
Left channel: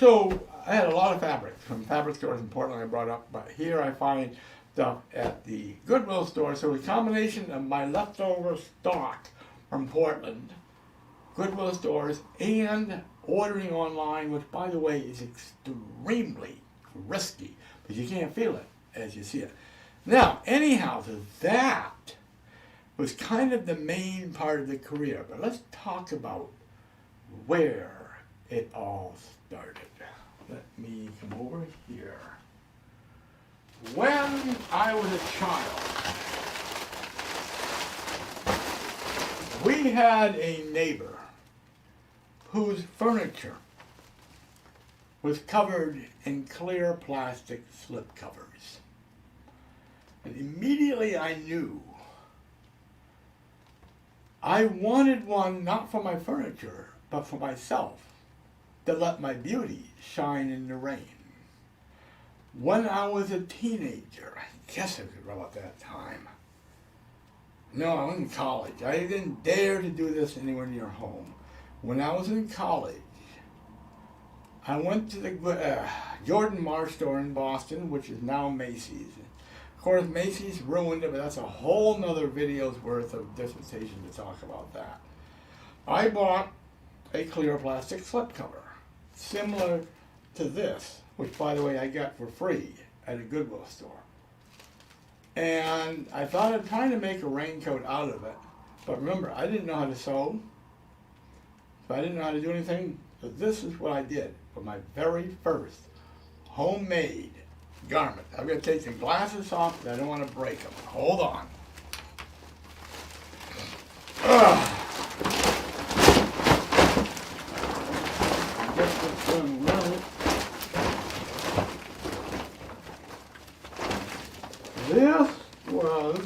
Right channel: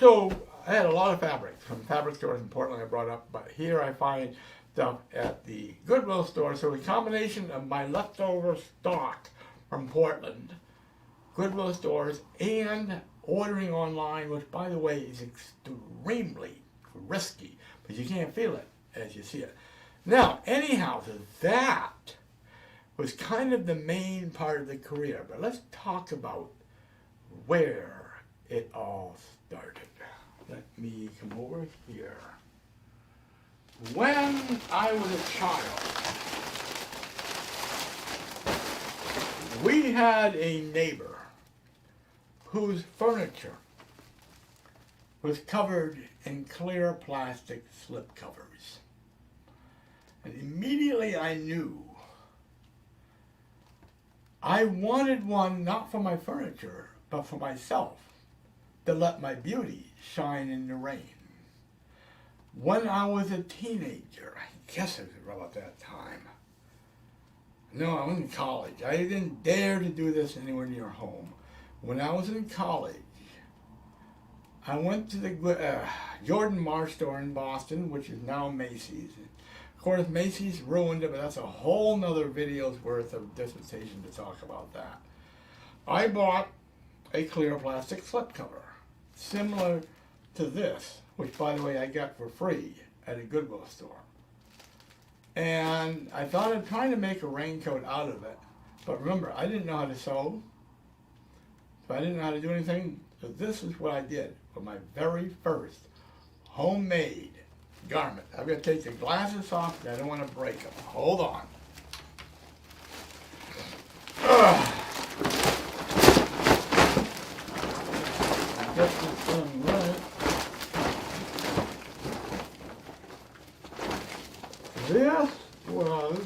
So I had a lot of fabric from fabric stores in Portland I brought up, but here I find stuff at the Goodwill store. So a combination of my leftover stock from Portland, Goodwill stores, and ordering online, which by the way is extremely risky, but you can't feel it as you see it. Now, anyhow, so that was kind of the main part of the career, but let's talk about where it all started. Let me come over here. When I was a child, we had a neighbor whose furniture was covered in clear plastic slipcovers. And immediately I knew I wanted one not for my furniture, but for myself, to let my beauty shine in the rain. When I was a teenager, I guess it was about that time. No, I was in college. I didn't dare to do this anywhere near home. When I was in college, I went to the Jordan Marsh store in Boston, which is now Macy's. Of course, Macy's ruined it, but that's a whole nother video's worth of dissertation to talk about that. I bought a clear plastic slipcover, similar to this, which, by the way, I got for free at a Goodwill store. And I thought of trying to make a raincoat out of it, but remember, I didn't know how to sew, so I didn't know how to do anything, so this is what I did for my very first homemade garment. I'm going to take the glasses off, because I don't want to break them. Hold on. was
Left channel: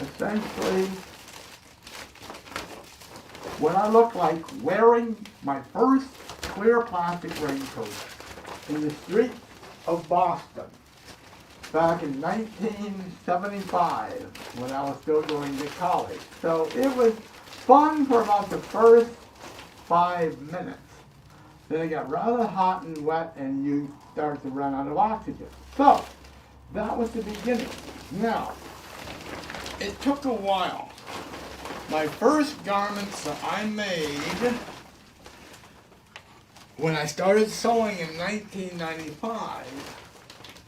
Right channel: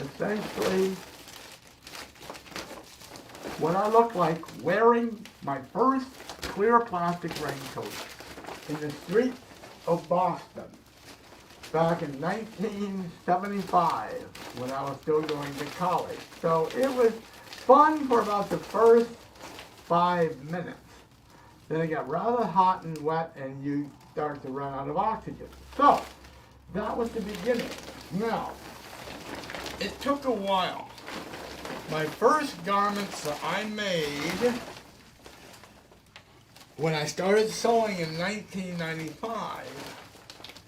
essentially what I looked like wearing my first clear plastic raincoat in the streets of Boston back in 1975 when I was still going to college. So it was fun for about the first 5 minutes. Then it got rather hot and wet and you start to run out of oxygen. So that was the beginning. Now, it took a while. My first garments that I made when I started sewing in 1995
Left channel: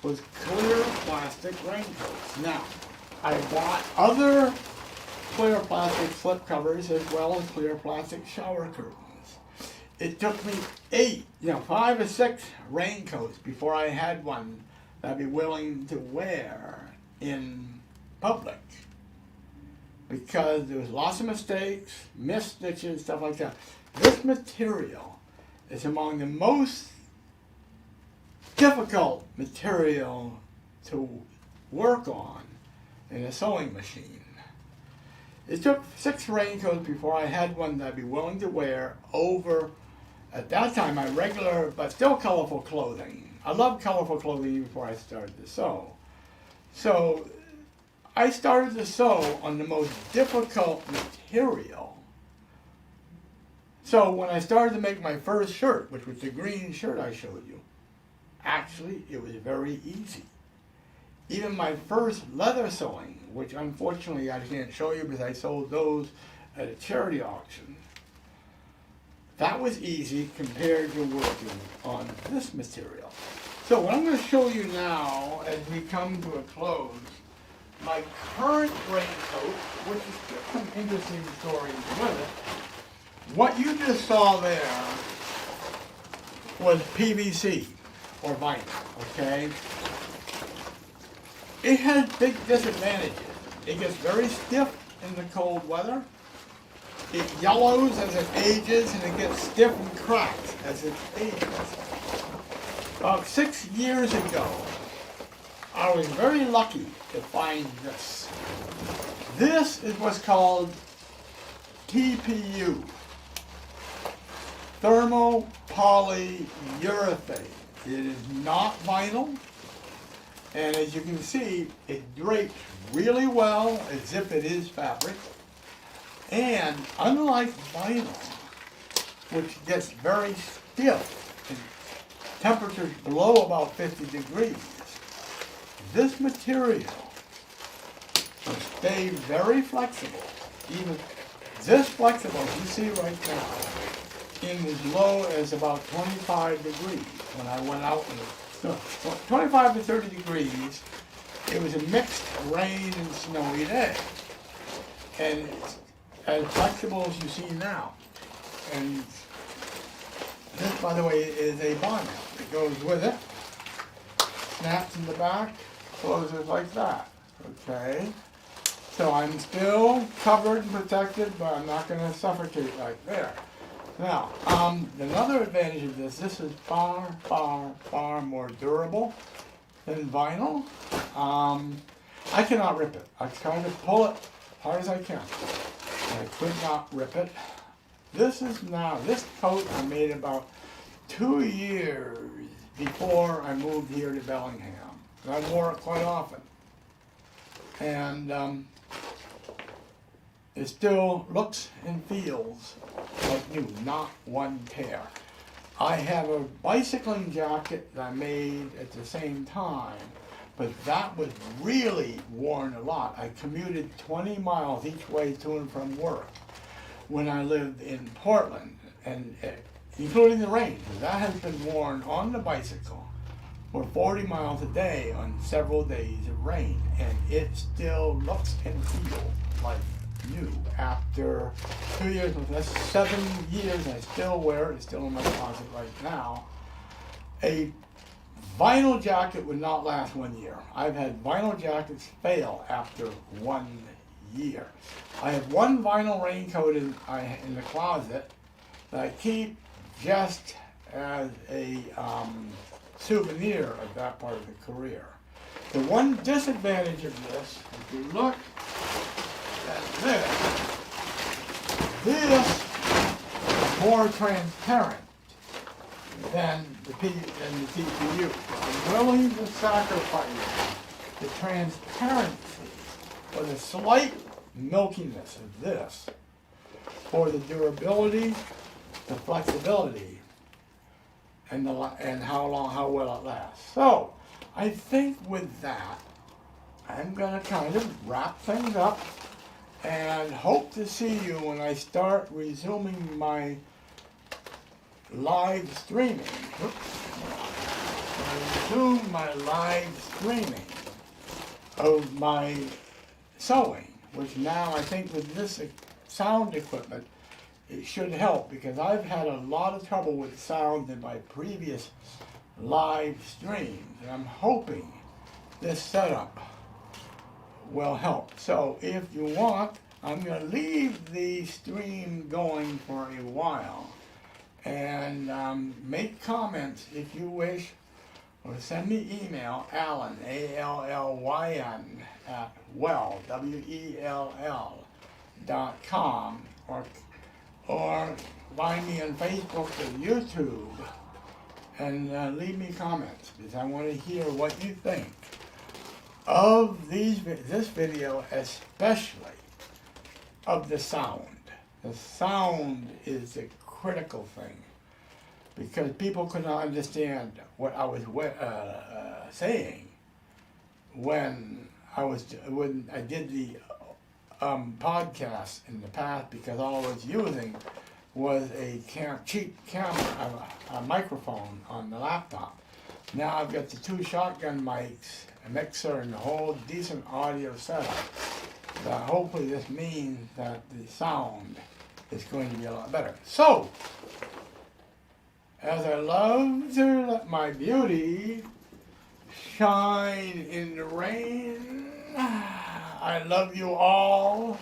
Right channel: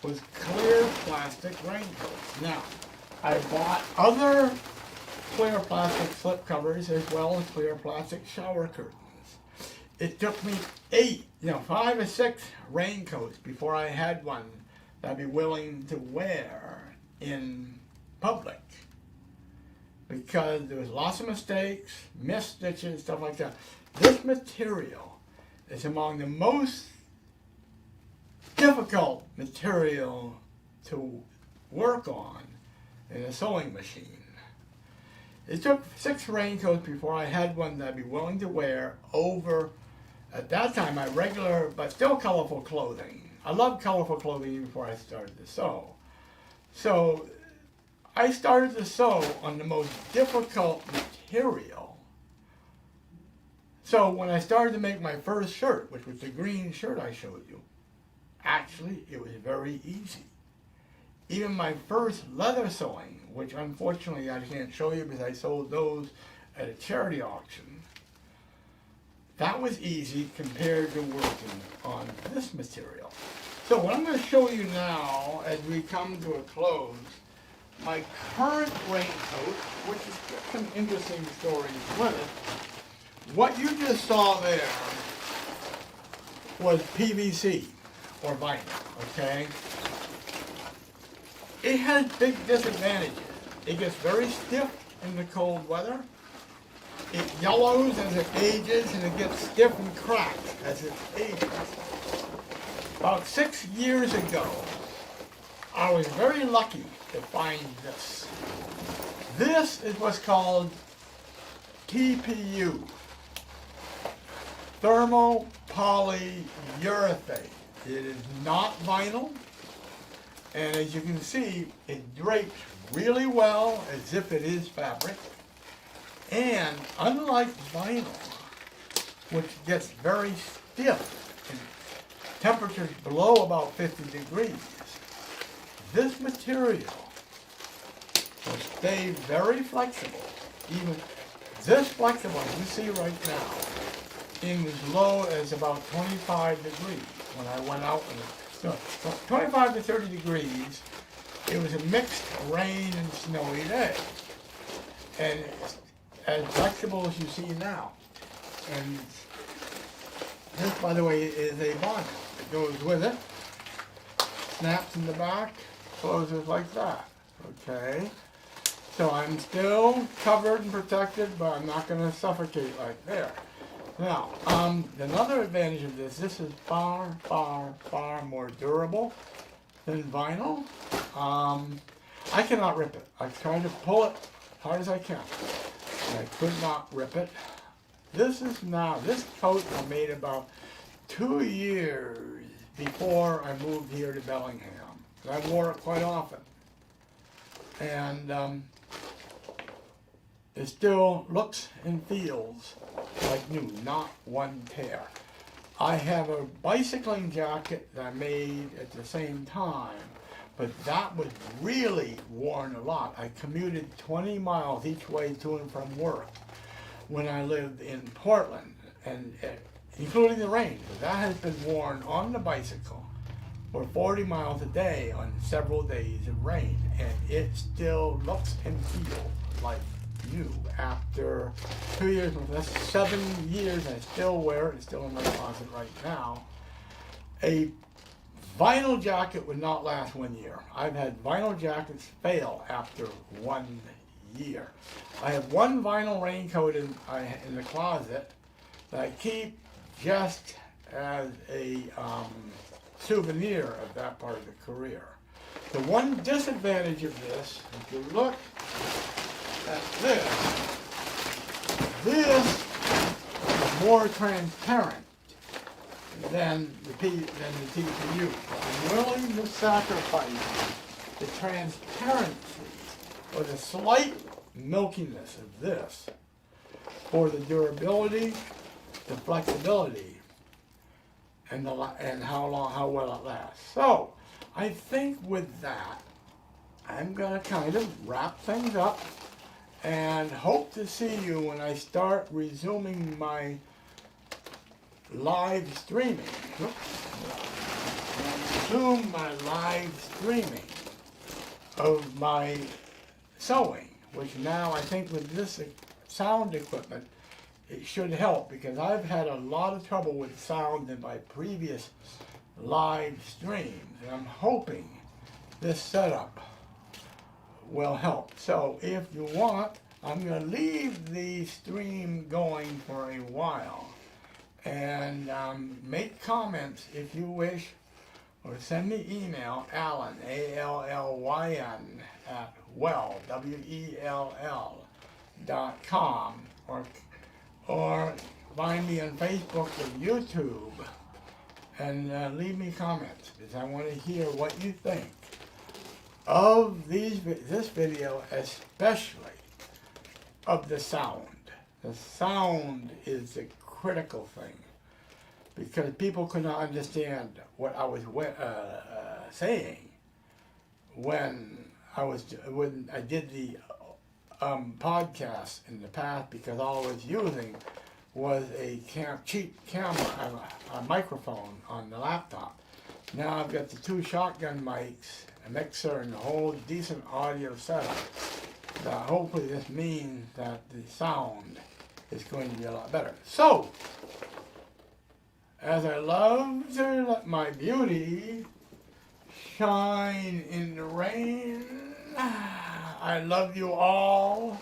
was clear plastic raincoats. Now, I bought other clear plastic slip covers as well as clear plastic shower curtains. It took me 5 or 6 raincoats before I had one that I'd be willing to wear in public, because there was lots of mistakes, missed stitches, stuff like that. This material is among the most difficult material to work on in a sewing machine. It took 6 raincoats before I had one that I'd be willing to wear over, at that time, my regular but still colorful clothing. I loved colorful clothing even before I started to sew. So I started to sew on the most difficult material. So when I started to make my first shirt, which was the green shirt I showed you, actually it was very easy. Even my first leather sewing, which unfortunately I can't show you because I sold those at a charity auction, that was easy compared to working on this material. So what I'm going to show you now as we come to a close, my current raincoat, which has got some interesting stories with it. What you just saw there was PVC, or vinyl, okay? It has big disadvantages. It gets very stiff in the cold weather. It yellows as it ages, and it gets stiff and cracked as it ages. About 6 years ago, I was very lucky to find this. This is what's called TPU, thermopolyurethane. It is not vinyl, and as you can see, it drapes really well as if it is fabric. And unlike vinyl, which gets very stiff in temperatures below about 50 degrees, this material will stay very flexible, even this flexible as you see right now, in as low as about 25 degrees when I went out with it. So 25 to 30 degrees, it was a mixed rain and snowy day. And it's as flexible as you see now. And this, by the way, is a bonnet that goes with it. Snaps in the back, closes like that. Okay? So I'm still covered and protected, but I'm not going to suffocate like there. Now, another advantage of this is far, far, far more durable than vinyl. I cannot rip it. I try to pull it as hard as I can. I could not rip it. This coat I made about 2 years before I moved here to Bellingham. And I wore it quite often. And it still looks and feels like new, not one tear. I have a bicycling jacket that I made at the same time, but that was really worn a lot. I commuted 20 miles each way to and from work when I lived in Portland, and including the rain. That has been worn on the bicycle for 40 miles a day on several days of rain, and it still looks and feels like new after 2 years. That's 7 years, and I still wear it. It's still in my closet right now. A vinyl jacket would not last 1 year. I've had vinyl jackets fail after 1 year. I have one vinyl raincoat in the closet that I keep just as a souvenir of that part of the career. The one disadvantage of this, if you look at this is more transparent than the TPU. I'm willing to sacrifice the transparency or the slight milkiness of this for the durability, the flexibility, and how well it lasts. So I think with that, I'm gonna kind of wrap things up and hope to see you when I start resuming my live streaming. Resume my live streaming of my sewing, which now I think with this sound equipment, it should help, because I've had a lot of trouble with sound in my previous live streams, and I'm hoping this setup will help. So if you want, I'm going to leave the stream going for a while and make comments if you wish, or send me email, Allyn, A-L-L-Y-N, at WELL.com, or find me on Facebook or YouTube and leave me comments, because I want to hear what you think of this video, especially of the sound. The sound is a critical thing, because people could not understand what I was saying when I did the podcast in the past, because all I was using was a cheap camera, a microphone on the laptop. Now I've got the two shotgun mics, a mixer, and a whole decent audio setup. Hopefully this means that the sound is going to be a lot better. So, as I love to let my beauty shine in the rain, I love you all.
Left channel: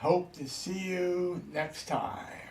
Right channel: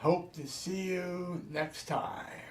Hope to see you next time.